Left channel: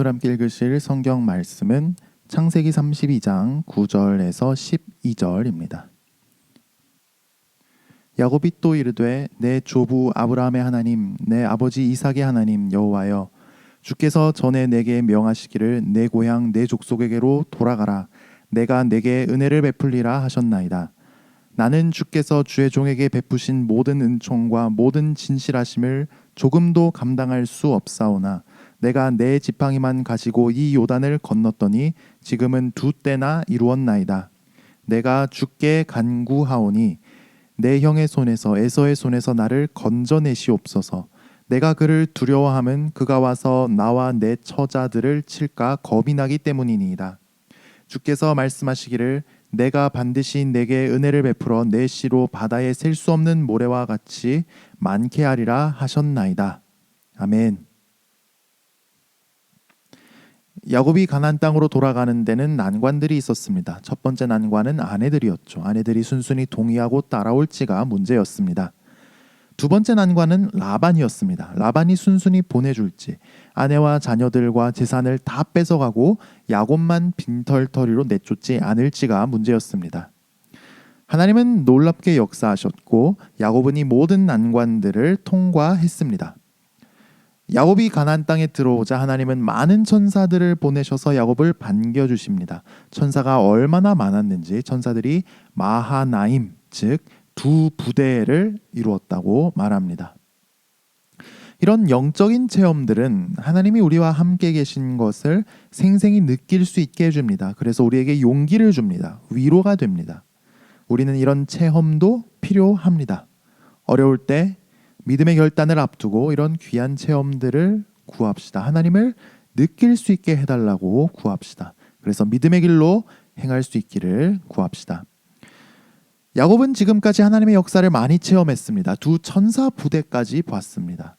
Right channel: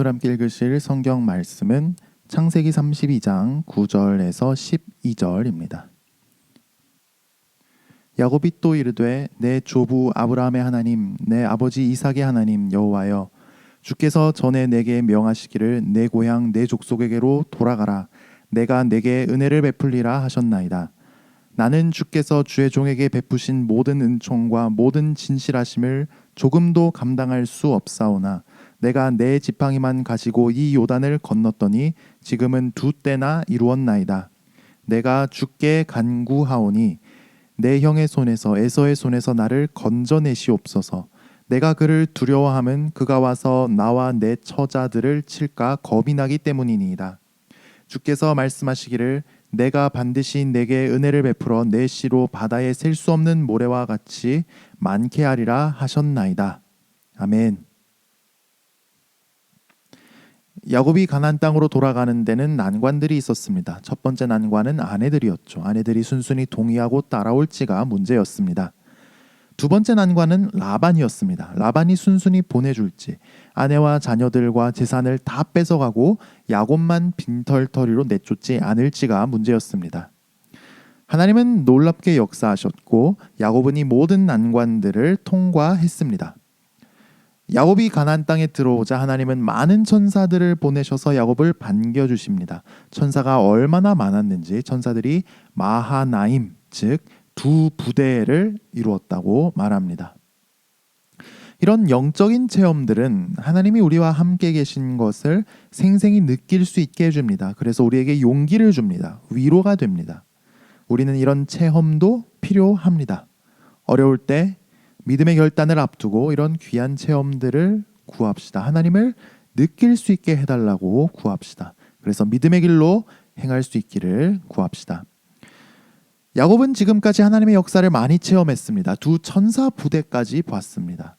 오늘 함께 읽으실 성경 말씀은 창세기 32장 9절에서 12절입니다. 야곱이 또 이르되 내 조부 아브라함의 하나님 내 아버지 이삭의 하나님 여호와여 주께서 전에 내게 명하시기를 내 고향 내 족속에게로 돌아가라 내가 내게 은혜를 베풀리라 하셨나이다. 나는 주께서 주의 종에게 베푸신 모든 은총과 모든 진실하심을 조금도 감당할 수 없사오나 내가 내 지팡이만 가지고 이 요단을 건넜더니 지금은 2때나 이루었나이다. 내가 주께 간구하오니 내 형의 손에서 에서의 손에서 나를 건져내시옵소서. 내가 그를 두려워함은 그가 와서 나와 내 처자들을 칠까 겁이 나기 때문이니이다. 주께서 말씀하시기를 내가 반드시 내게 은혜를 베풀어 내 씨로 바다에 셀 수 없는 모래와 같이 많게 하리라 하셨나이다. 아멘. 야곱이 가나안 땅으로 돌아가는 데는 난관들이 있었습니다. 첫 번째 난관은 아내들이었죠. 아내들이 순순히 동의하고 따라올지가 문제였습니다. 두 번째 난관은 라반이었습니다. 라반이 순순히 보내줄지, 아내와 자녀들과 재산을 다 뺏어가고 야곱만 빈털터리로 내쫓지 않을지가 문제였습니다. 하나님은 놀랍게 역사하셨고 야곱은 이 모든 난관들을 통과했습니다. 야곱이 가나안 땅에 들어오자 하나님은 많은 천사들을 보내셔서 야곱을 반겨주십니다. 천사가 얼마나 많았는지 천사들이 마하나임, 즉 두 부대를 이루었다고 말합니다. 이런 영적인 체험들은 하나님이 우리와 함께 계신 것을 생생히 느낄 수 있게 해줍니다. 그래서 우리에게 용기를 줍니다. 위로가 됩니다. 우리는 이런 체험도 필요합니다. 어려울 때 믿음의 결단을 앞두고 이런 귀한 체험들을 구합시다. 하나님을 느낄 수 있게 해달라고 구합시다. 그래서 믿음의 길로 행할 수 있기를 구합시다. 야곱은 지금까지 하나님의 역사를 많이 체험했습니다. 두 천사 부대까지 봤습니다.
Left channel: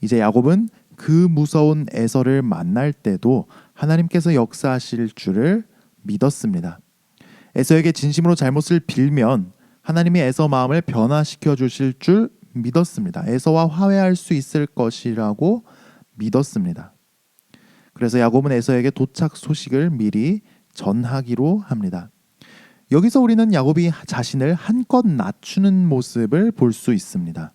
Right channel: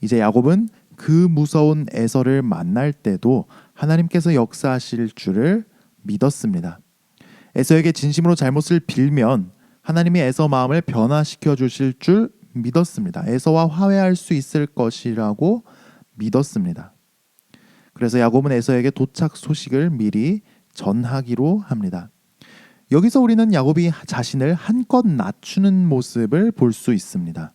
이제 야곱은 그 무서운 에서를 만날 때도 하나님께서 역사하실 줄을 믿었습니다. 에서에게 진심으로 잘못을 빌면 하나님이 에서 마음을 변화시켜 주실 줄 믿었습니다. 에서와 화해할 수 있을 것이라고 믿었습니다. 그래서 야곱은 에서에게 도착 소식을 미리 전하기로 합니다. 여기서 우리는 야곱이 자신을 한껏 낮추는 모습을 볼 수 있습니다.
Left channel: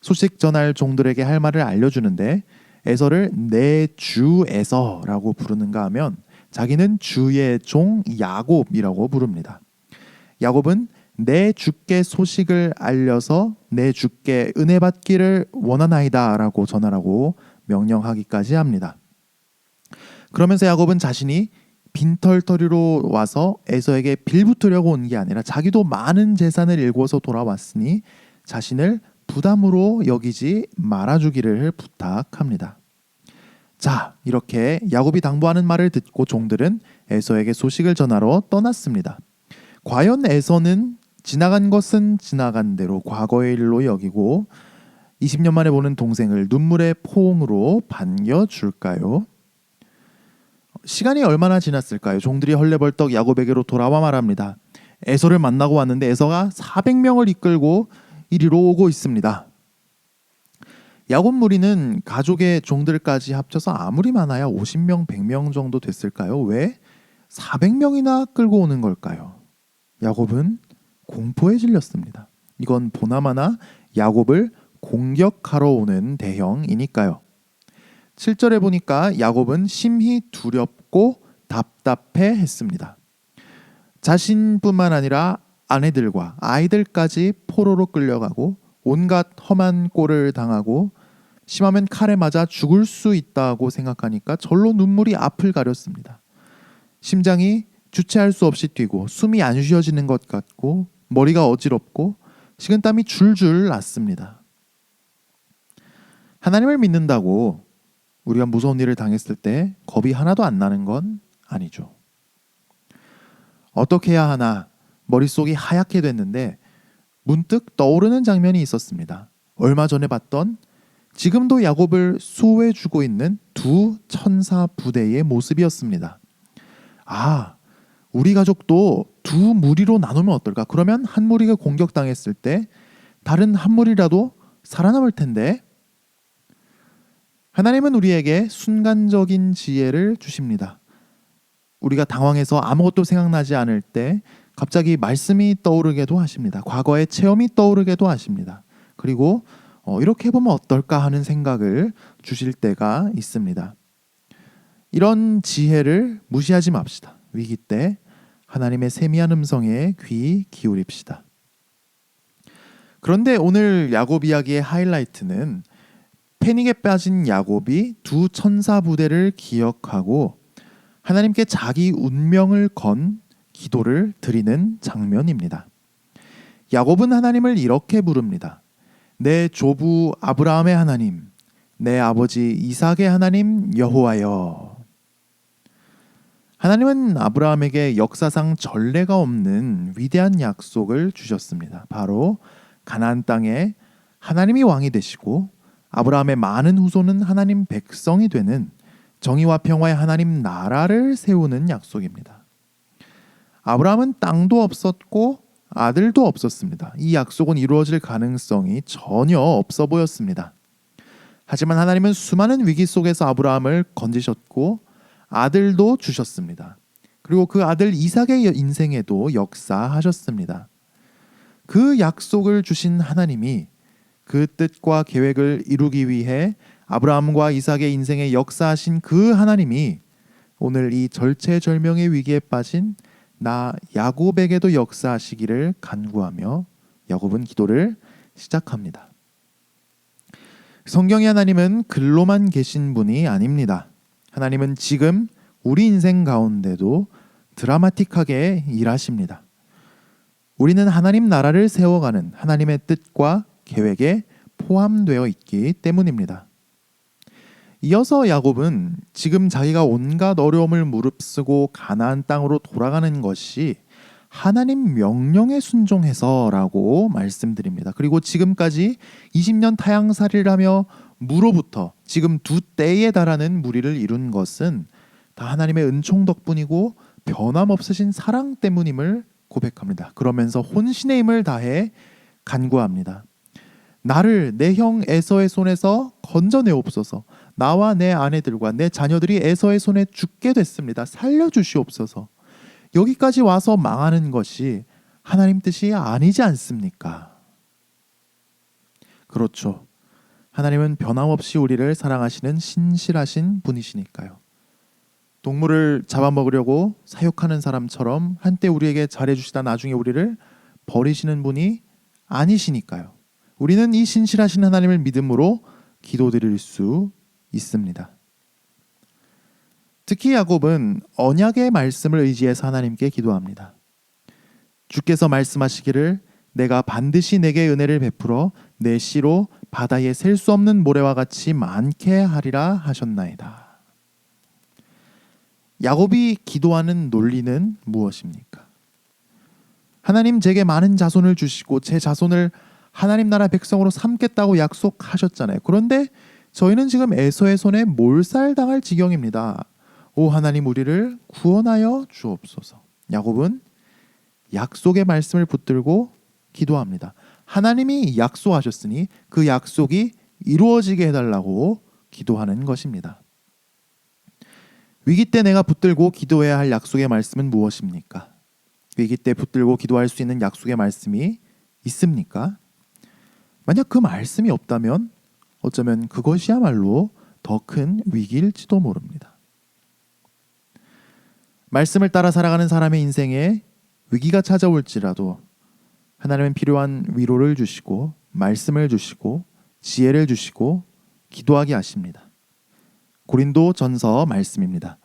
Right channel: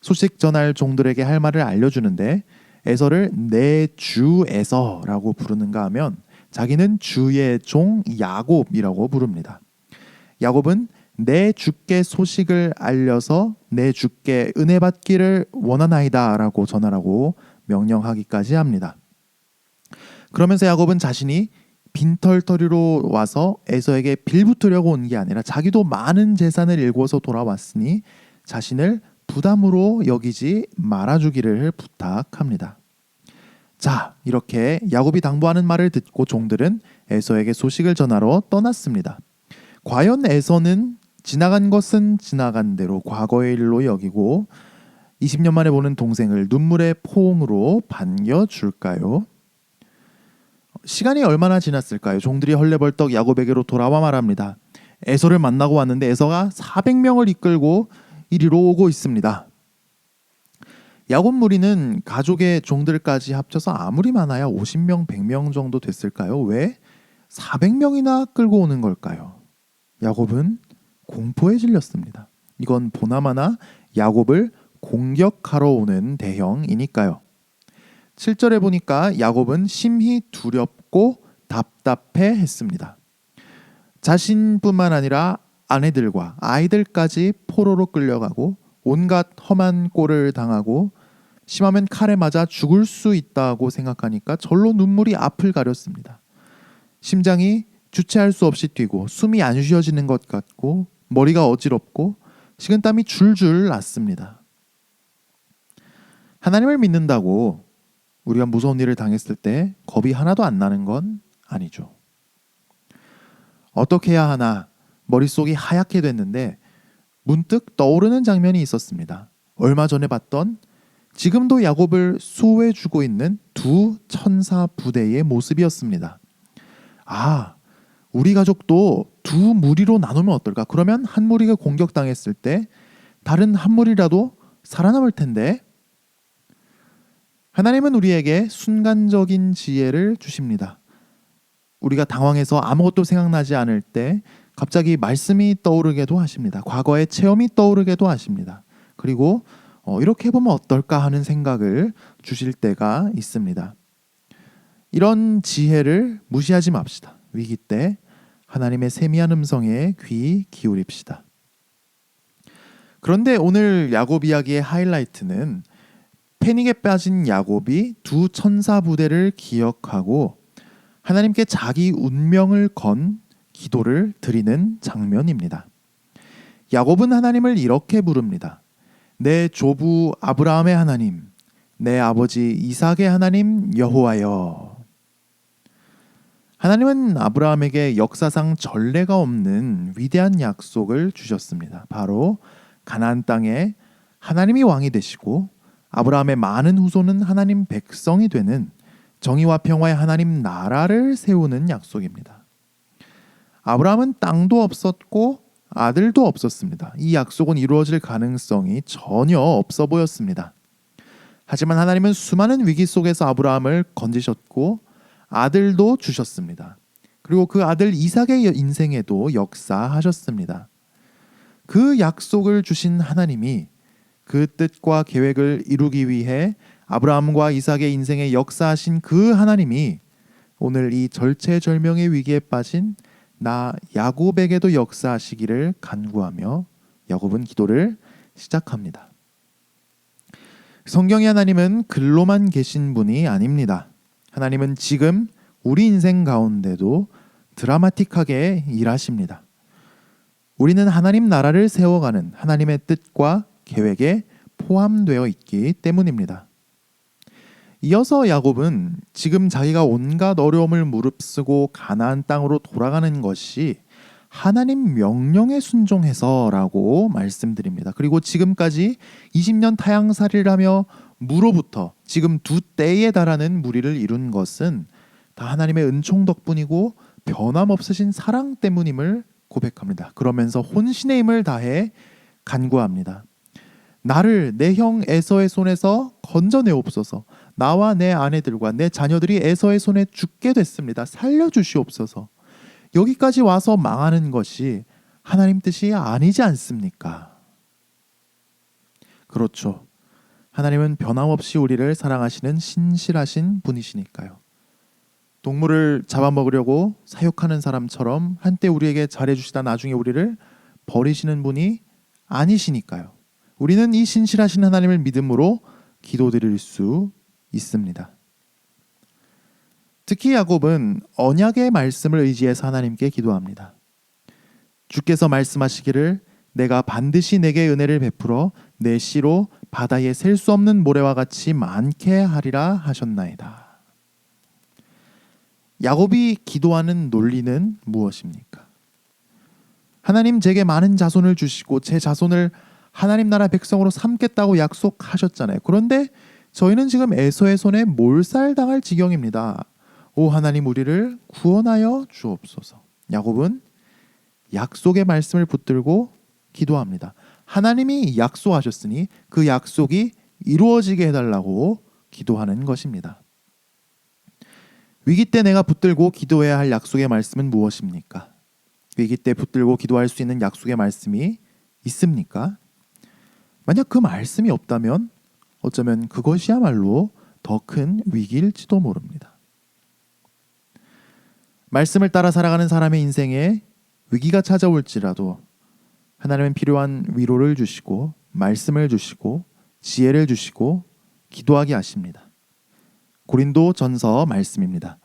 소식 전할 종들에게 할 말을 알려주는데 에서를 내 주 에서라고 부르는가 하면 자기는 주의 종 야곱이라고 부릅니다. 야곱은 내 주께 소식을 알려서 내 주께 은혜 받기를 원하나이다 라고 전하라고 명령하기까지 합니다. 그러면서 야곱은 자신이 빈털터리로 와서 에서에게 빌붙으려고 온 게 아니라 자기도 많은 재산을 일궈서 돌아왔으니 자신을 부담으로 여기지 말아주기를 부탁합니다. 자, 이렇게 야곱이 당부하는 말을 듣고 종들은 에서에게 소식을 전하러 떠났습니다. 과연 에서는 지나간 것은 지나간 대로 과거의 일로 여기고 20년 만에 보는 동생을 눈물의 포옹으로 반겨줄까요? 시간이 얼마나 지났을까요? 종들이 헐레벌떡 야곱에게로 돌아와 말합니다. 에서를 만나고 왔는데 에서가 400명을 이끌고 이리로 오고 있습니다. 야곱 무리는 가족의 종들까지 합쳐서 아무리 많아야 50명, 100명 정도 됐을까요? 왜 400명이나 끌고 오는 걸까요? 야곱은 공포에 질렸습니다. 이건 보나마나 야곱을 공격하러 오는 대형이니까요. 7절에 보니까 야곱은 심히 두렵고 답답해 했습니다. 자신뿐만 아니라 아내들과 아이들까지 포로로 끌려가고 온갖 험한 꼴을 당하고 심하면 칼에 맞아 죽을 수 있다고 생각하니까 절로 눈물이 앞을 가렸습니다. 심장이 주체할 수 없이 뛰고 숨이 안 쉬어지는 것 같고 머리가 어지럽고 식은땀이 줄줄 났습니다. 하나님을 믿는다고 우리가 무서운 일을 당했을 때 겁이 하나도 안 나는 건 아니죠. 어떻게 해야 하나 머릿속이 하얗게 됐는데 문득 떠오르는 장면이 있었습니다. 얼마 전에 봤던 지금도 야곱을 수호해주고 있는 두 천사 부대의 모습이었습니다. 아, 우리 가족도 두 무리로 나누면 어떨까? 그러면 한 무리가 공격당했을 때 다른 한 무리라도 살아남을 텐데. 하나님은 우리에게 순간적인 지혜를 주십니다. 우리가 당황해서 아무것도 생각나지 않을 때 갑자기 말씀이 떠오르게도 하십니다. 과거의 체험이 떠오르게도 하십니다. 그리고 이렇게 해보면 어떨까 하는 생각을 주실 때가 있습니다. 이런 지혜를 무시하지 맙시다. 위기 때 하나님의 세미한 음성에 귀 기울입시다. 그런데 오늘 야곱 이야기의 하이라이트는 패닉에 빠진 야곱이 두 천사 부대를 기억하고 하나님께 자기 운명을 건 기도를 드리는 장면입니다. 야곱은 하나님을 이렇게 부릅니다. 내 조부 아브라함의 하나님, 내 아버지 이삭의 하나님 여호와여. 하나님은 아브라함에게 역사상 전례가 없는 위대한 약속을 주셨습니다. 바로 가나안 땅에 하나님이 왕이 되시고 아브라함의 많은 후손은 하나님 백성이 되는 정의와 평화의 하나님 나라를 세우는 약속입니다. 아브라함은 땅도 없었고 아들도 없었습니다. 이 약속은 이루어질 가능성이 전혀 없어 보였습니다. 하지만 하나님은 수많은 위기 속에서 아브라함을 건지셨고 아들도 주셨습니다. 그리고 그 아들 이삭의 인생에도 역사하셨습니다. 그 약속을 주신 하나님이 그 뜻과 계획을 이루기 위해 아브라함과 이삭의 인생에 역사하신 그 하나님이 오늘 이 절체절명의 위기에 빠진 나 야곱에게도 역사하시기를 간구하며 야곱은 기도를 시작합니다. 성경의 하나님은 글로만 계신 분이 아닙니다. 하나님은 지금 우리 인생 가운데도 드라마틱하게 일하십니다. 우리는 하나님 나라를 세워가는 하나님의 뜻과 계획에 포함되어 있기 때문입니다. 이어서 야곱은 지금 자기가 온갖 어려움을 무릅쓰고 가나안 땅으로 돌아가는 것이 하나님 명령에 순종해서라고 말씀드립니다. 그리고 지금까지 20년 타향살이를 하며 무로부터 지금 두 때에 달하는 무리를 이룬 것은 다 하나님의 은총 덕분이고 변함없으신 사랑 때문임을 고백합니다. 그러면서 혼신의 힘을 다해 간구합니다. 나를 내 형 에서의 손에서 건져내옵소서. 나와 내 아내들과 내 자녀들이 에서의 손에 죽게 됐습니다. 살려주시옵소서. 여기까지 와서 망하는 것이 하나님 뜻이 아니지 않습니까? 그렇죠. 하나님은 변함없이 우리를 사랑하시는 신실하신 분이시니까요. 동물을 잡아먹으려고 사육하는 사람처럼 한때 우리에게 잘해주시다 나중에 우리를 버리시는 분이 아니시니까요. 우리는 이 신실하신 하나님을 믿음으로 기도드릴 수 있습니다. 특히 야곱은 언약의 말씀을 의지해서 하나님께 기도합니다. 주께서 말씀하시기를 내가 반드시 내게 은혜를 베풀어 내 씨로 바다에 셀 수 없는 모래와 같이 많게 하리라 하셨나이다. 야곱이 기도하는 논리는 무엇입니까? 하나님 제게 많은 자손을 주시고 제 자손을 하나님 나라 백성으로 삼겠다고 약속하셨잖아요. 그런데 저희는 지금 에서의 손에 몰살당할 지경입니다. 오 하나님 우리를 구원하여 주옵소서. 야곱은 약속의 말씀을 붙들고 기도합니다. 하나님이 약속하셨으니 그 약속이 이루어지게 해달라고 기도하는 것입니다. 위기 때 내가 붙들고 기도해야 할 약속의 말씀은 무엇입니까? 위기 때 붙들고 기도할 수 있는 약속의 말씀이 있습니까? 만약 그 말씀이 없다면 어쩌면 그것이야말로 더 큰 위기일지도 모릅니다. 말씀을 따라 살아가는 사람의 인생에 위기가 찾아올지라도 하나님은 필요한 위로를 주시고 말씀을 주시고 지혜를 주시고 기도하게 하십니다. 고린도 전서 말씀입니다.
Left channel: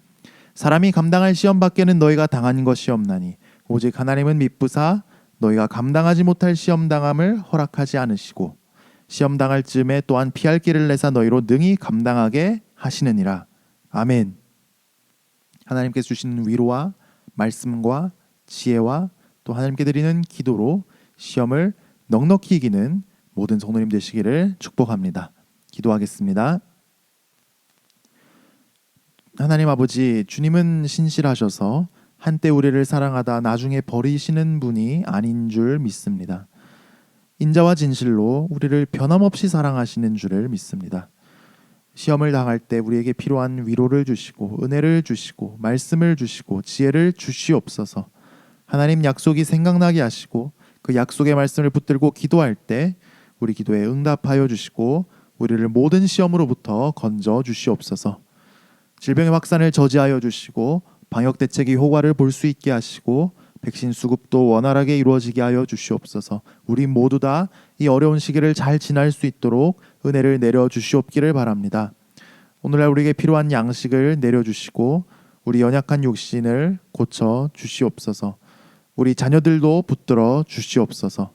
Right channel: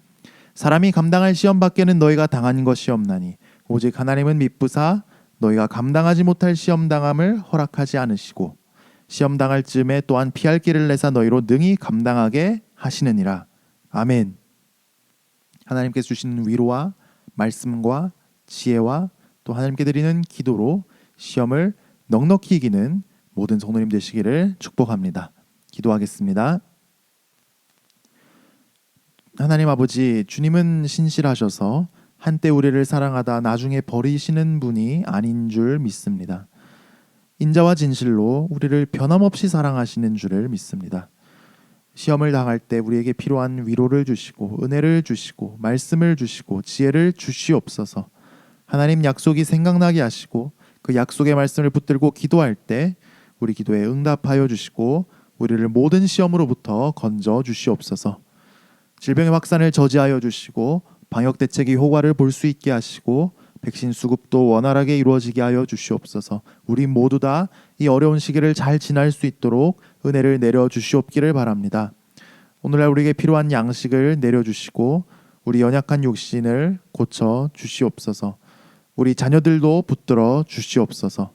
사람이 감당할 시험 밖에는 너희가 당한 것이 없나니 오직 하나님은 미쁘사 너희가 감당하지 못할 시험 당함을 허락하지 않으시고 시험 당할 즈음에 또한 피할 길을 내사 너희로 능히 감당하게 하시느니라. 아멘. 하나님께서 주시는 위로와 말씀과 지혜와 또 하나님께 드리는 기도로 시험을 넉넉히 이기는 모든 성도님 되시기를 축복합니다. 기도하겠습니다. 하나님 아버지, 주님은 신실하셔서 한때 우리를 사랑하다 나중에 버리시는 분이 아닌 줄 믿습니다. 인자와 진실로 우리를 변함없이 사랑하시는 줄을 믿습니다. 시험을 당할 때 우리에게 필요한 위로를 주시고 은혜를 주시고 말씀을 주시고 지혜를 주시옵소서. 하나님 약속이 생각나게 하시고 그 약속의 말씀을 붙들고 기도할 때 우리 기도에 응답하여 주시고 우리를 모든 시험으로부터 건져 주시옵소서. 질병의 확산을 저지하여 주시고 방역 대책의 효과를 볼 수 있게 하시고 백신 수급도 원활하게 이루어지게 하여 주시옵소서. 우리 모두 다 이 어려운 시기를 잘 지날 수 있도록 은혜를 내려 주시옵기를 바랍니다. 오늘날 우리에게 필요한 양식을 내려주시고 우리 연약한 육신을 고쳐 주시옵소서. 우리 자녀들도 붙들어 주시옵소서.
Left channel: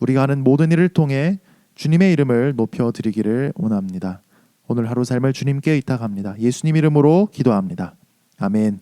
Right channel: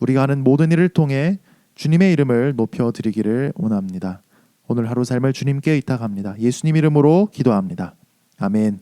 우리가 하는 모든 일을 통해 주님의 이름을 높여드리기를 원합니다. 오늘 하루 삶을 주님께 의탁합니다. 예수님 이름으로 기도합니다. 아멘.